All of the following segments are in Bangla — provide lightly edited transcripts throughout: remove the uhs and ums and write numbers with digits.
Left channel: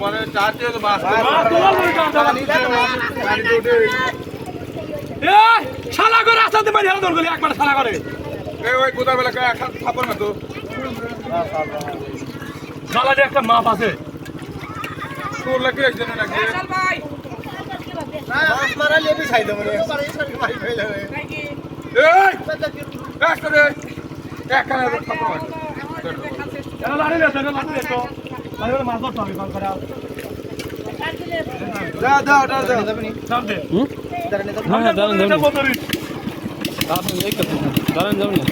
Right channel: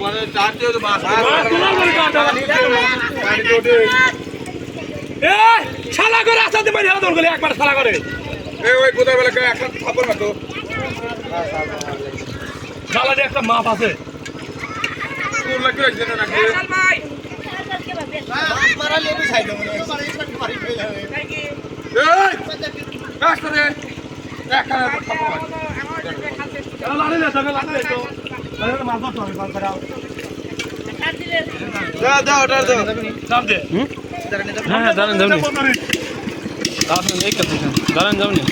মানে চাতে মাছ এই শালা করে রাস্তাতে মারি আদর গলি একবার শালা করে এই ওই কোথা বেলা কা একটা থাপড় না তো শালা যে একটা মাপ আছে তোর লাগি রাখছ না নাকি মাছ মারা লেবি খাই দেব রে মারি কইলা রে এই একটা দে একটা থাপড় লাড়ে দে সঙ্গে লাড়ে দে তো লাড়ে মাছ ধরতে হবে কাল করাও দাও দাও দাও নাম দে হ্যাঁ দাঁড়ান যাবনি আপনি এই কথা দাঁড়ান যাবনি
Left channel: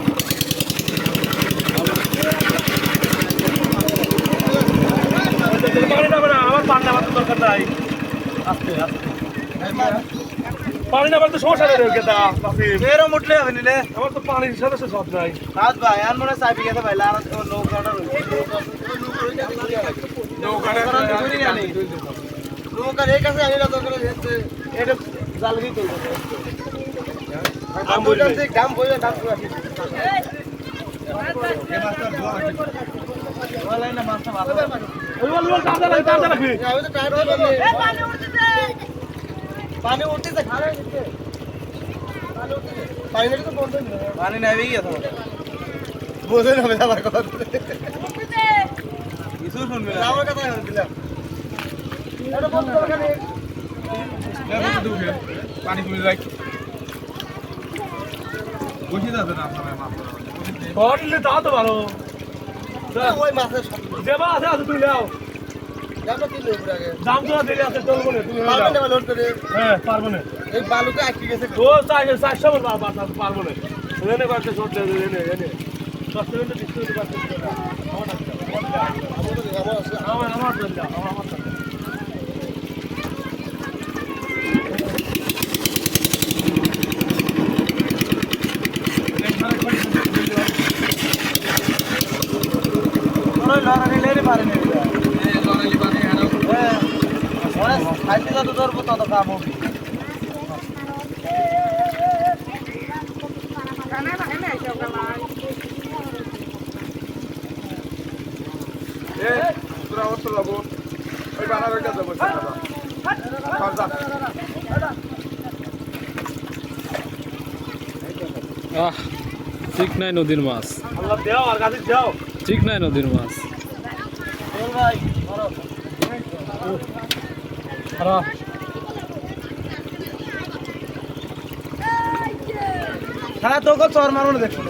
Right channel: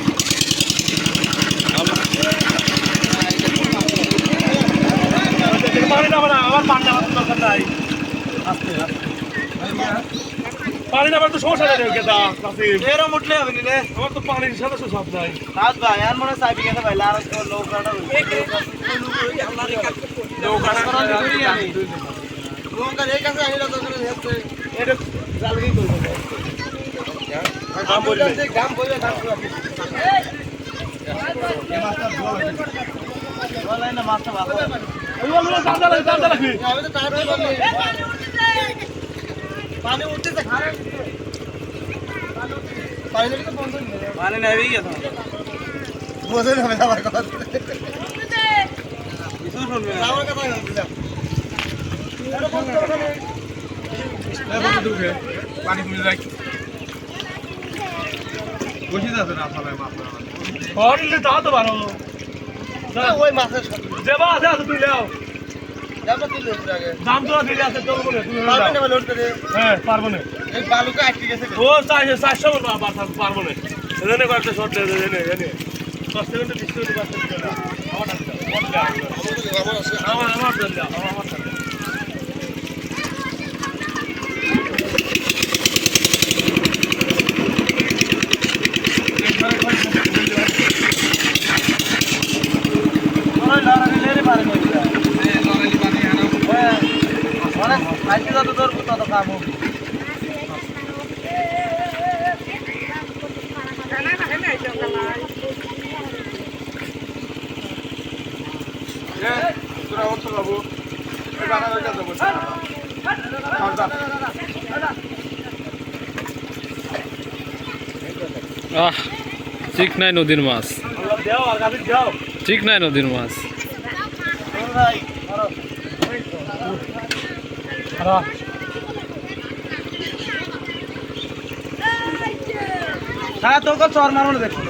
পানি নামে না আমার পানি নামার দরকার নাই আস্তে আস্তে পানি নামার তো সমস্যা নেই রে কেদা নাসিম এরো মুটলে হবে নিলে আমার তো পানির সাথে সব নাই সাত ভাই আর মনে চাবি গেছে ভাই লার নৌকাটা নৌকার এই কাছে আনিলা তো করে যেতে এটা জালগি করবে দাম বলবে দাম বইবে দাম বলে না মাছটা ভালো ওই বল দাদা রাখি আমি তো টায়ার পানি উঠতেছে খারে পানি নাকি তো বন্ধ নেই পানি নেই গেছে বোঝে না আমার কথা কিছু শুনবে না আমার কথা বলছিলাম এটা বন্ধ করে খানে পানি কমে যায় বসে যাবে না সবাই মাছ করলে তা তো ভালো ওই মাছের দেবা আছে আছে তুই নাও দামটা দিলে আগে দাম তো দিলে আছে তোর বলে তুমি পারবেন না লোড করে হ্যাঁ পারবো না এই বালুকে আটকে গেছে ও 400 বল পারবো না এখানে কয়েকটা শর্ট এনে এনে 10 সেকেন্ড 20 সেকেন্ড বাস দিতে দাও আমার দেন দাও আমার দেন ওই লড়াই লেরে পারে না অনেক খাইতে যত ধরবো তত কাম হবে তোরা অন্তর যাবো ওই বাঙালের কাছে বসে আহ ঠিক নাই নদীর মাছ আল্লাহ দাও আর গাবি দাও ঠিক নাই নদীর মাছ চল ভাই ধরো আরা হ্যাঁ তোকে চর মারুন দেখো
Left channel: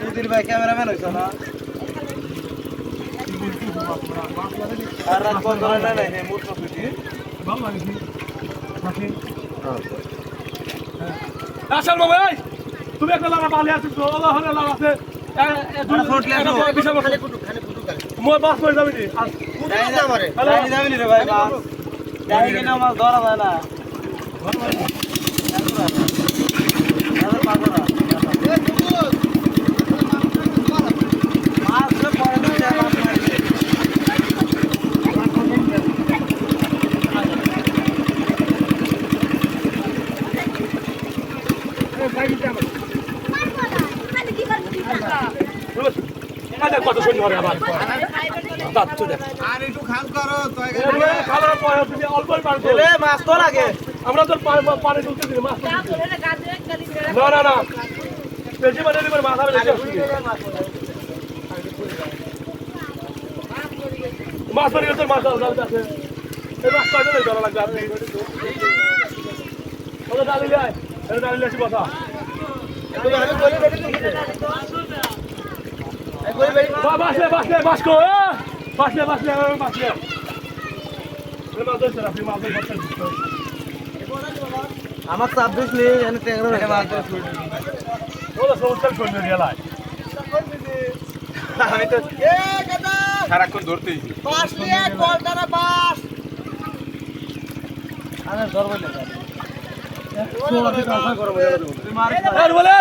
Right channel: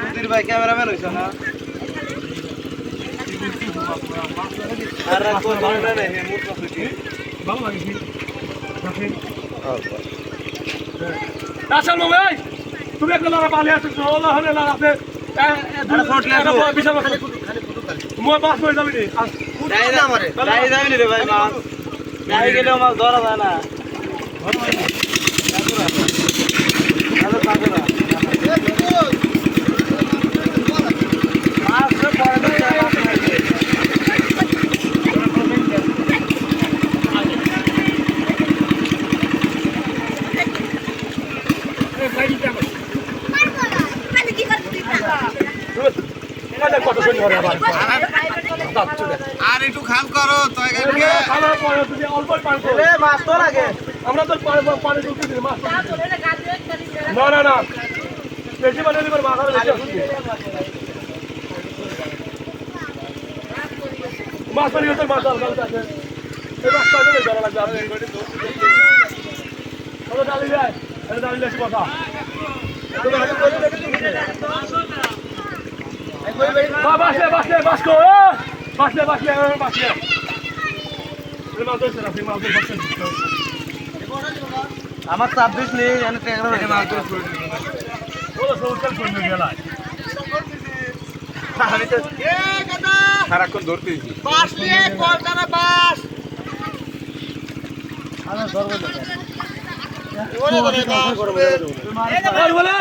সুধীর ভাই ক্যামেরাম্যান হইছো না আর রাত কোন ধরনের নাই মোট মাছ ভালো লাগে কি নাকি আসল ভাই তুমি একটা লারা পালি আছে তো ওলা হলে লারা আছে এটা ফটলে এটা বড় বিশাল খালি ফুটু খালি মই মাছ কই যাবি নি যাই না মারে যাই যাবি রে ভাই মাছ যাই গেলে মাছ ধরা যায় না কত সুন্দর হবে আবার আর একটু খাল করো তুই খালো পরে তুমি অল্পই পানি তো মাছ তো লাগে আমরা তো পানি তুলতে দিই মাছ না না না বেশি মানে দিবার মাছ আর মাছ পানি তোর মাছ আর গালতে আছে এই মাছটা দিলে ধরা লাগবে আর এনগড়ি তো ওটা ডালি যায় এটা ডালি আসি কথা বাসলে বাসলে বাসকো বাসলে বাসলে বাসলে মাছ ধরছে না মাছ ধরছে আমার 26 নেই এনে 13 টাকা মাছ ধরে ওরা সমস্যা করবে গেলায় আমি তো এ কাকা সারাক্ষণ ধরতেছি পাঁচ নিয়ে কলকাতা পাঁচ আমি ধরবো না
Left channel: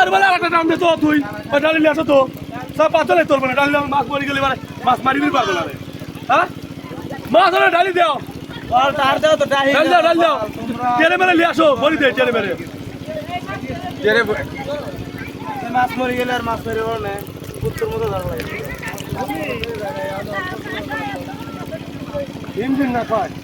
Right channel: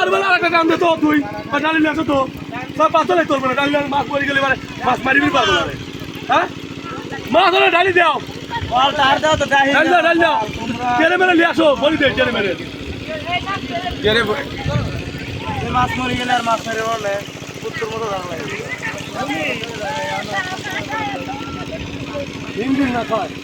আর বলে আরেকটা টান দে তো তুই ডালি আছে তো সব পাতলে তোলবে না ডালি মাছ মরে গেলে মাছ মারিবি পারবে না হ্যাঁ মাছ হলে ডালি দাও বল তার দাও তো ডালি ডালি দাও ডালি দাও কেড়ে মেরে নিয়ে আসো বলি দে কেড়ে মেরে মাছ মরে গেলে আর মাছ মেরে বলে উত্তর মতো ধরা লাগে ইঞ্জিন না কয়